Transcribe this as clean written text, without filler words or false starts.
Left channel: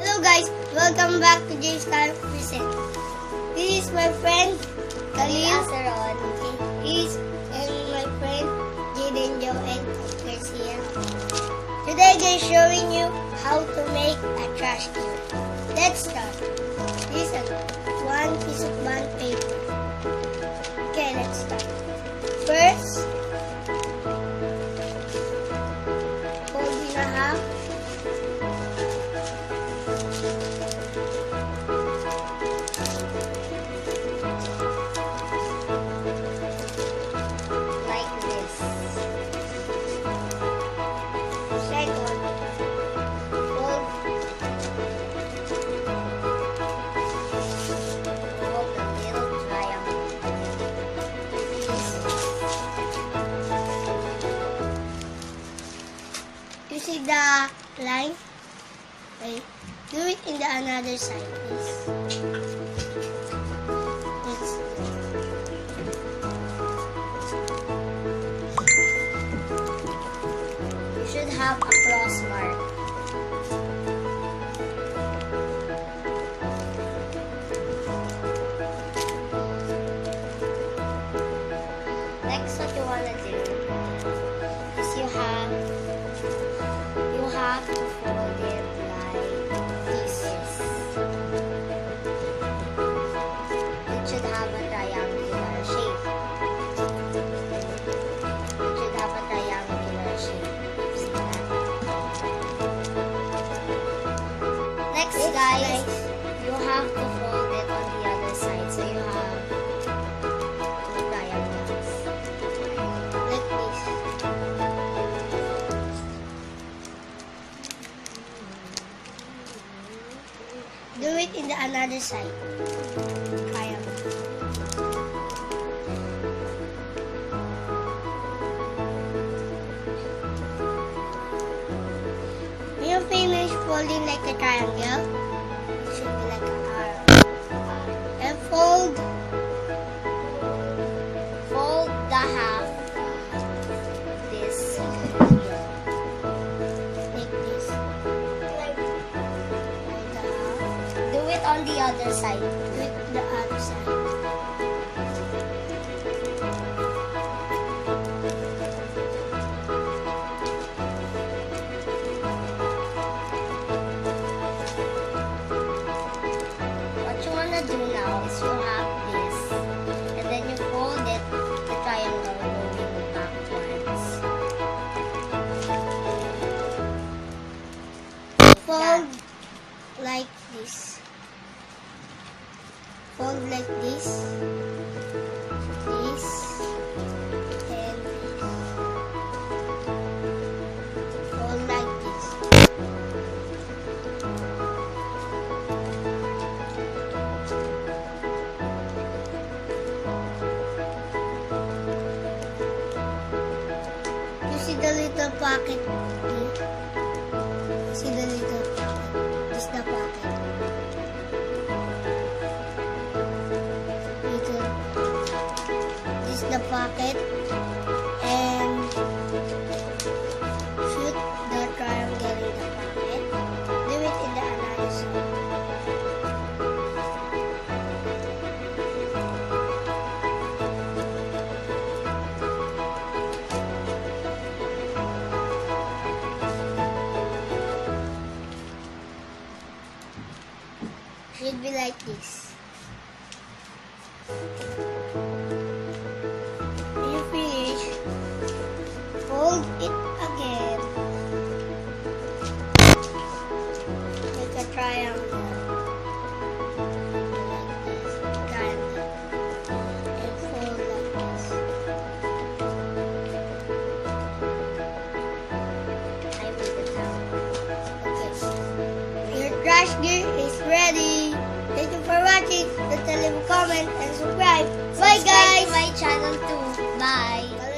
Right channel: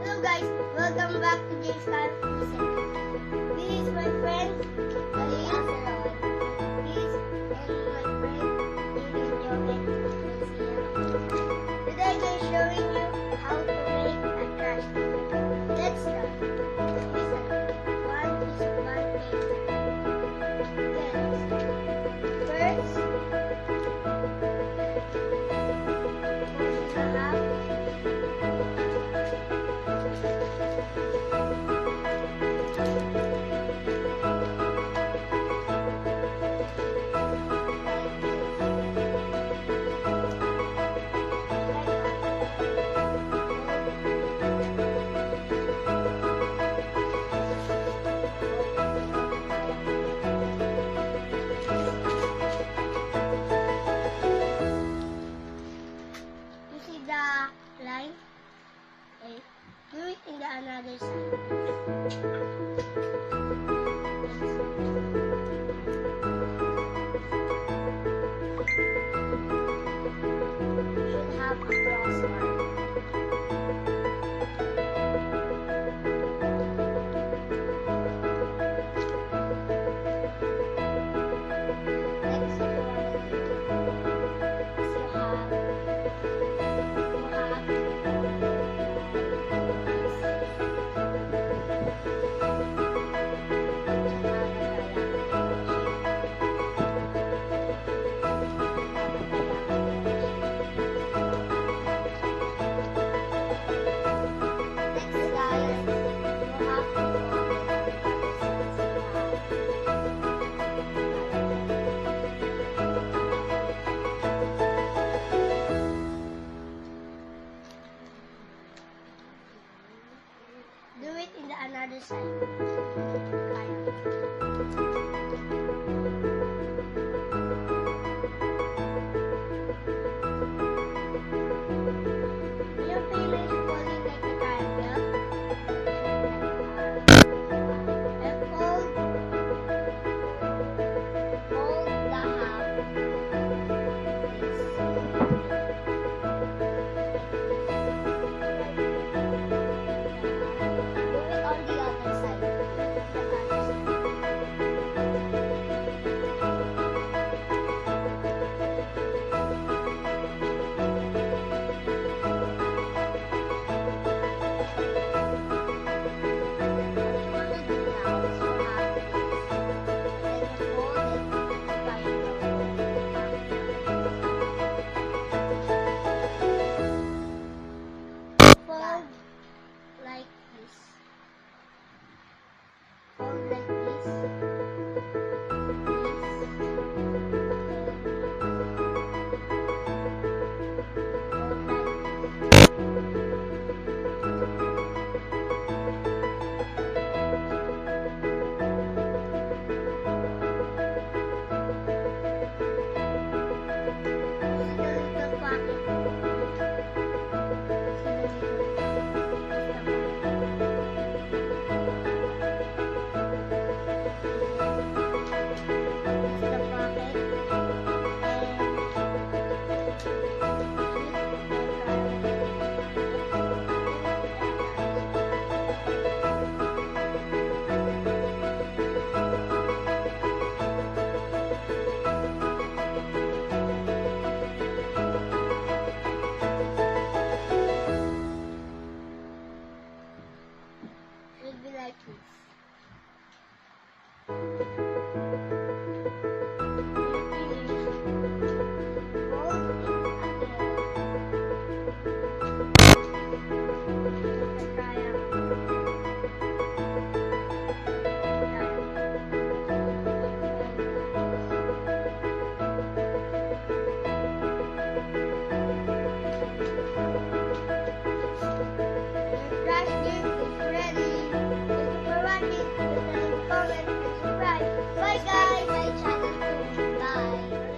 Hello guys, welcome back to James Time Present. This is my friend Khalil Asaron. is and my friend Jaden Joel Garcia. Today they're showing you how to make a trash can. Let's start. This is one piece of bond paper. Okay, let's start. First, fold in a half. Like this. Second, fold Fold the little triangle. you see the line? Okay. Do it in the another side, please. Let's do it. You should have a cross mark. Next, what you wanna do is you have to fold it like this. It should have a triangular shape. It should have a triangular shape. See that? Next, guys, you have to fold it on the other side. So you have two triangles. Like this. Do it in the another side. Triangle. When you finish folding like a triangle, it should be like an arrow. And fold Fold the half this here. like this. Fold the half Do it on the other side. with the other side. What you wanna do now is you have this, and then you fold it, the triangle going backwards. Fold like this. Fold like this. This. And fold like this. You see the little pocket here? See the little pocket? This the pocket. Little. This the pocket. And shoot the triangle in the pocket. Do it in the another side. Should be like this. When you finish, fold it again. Like a triangle. Triangle. And fold like this. I did it now. Your trash gear is ready. Thank you for watching. Please leave a comment and subscribe. Bye Subscribe guys. to my channel too. Bye.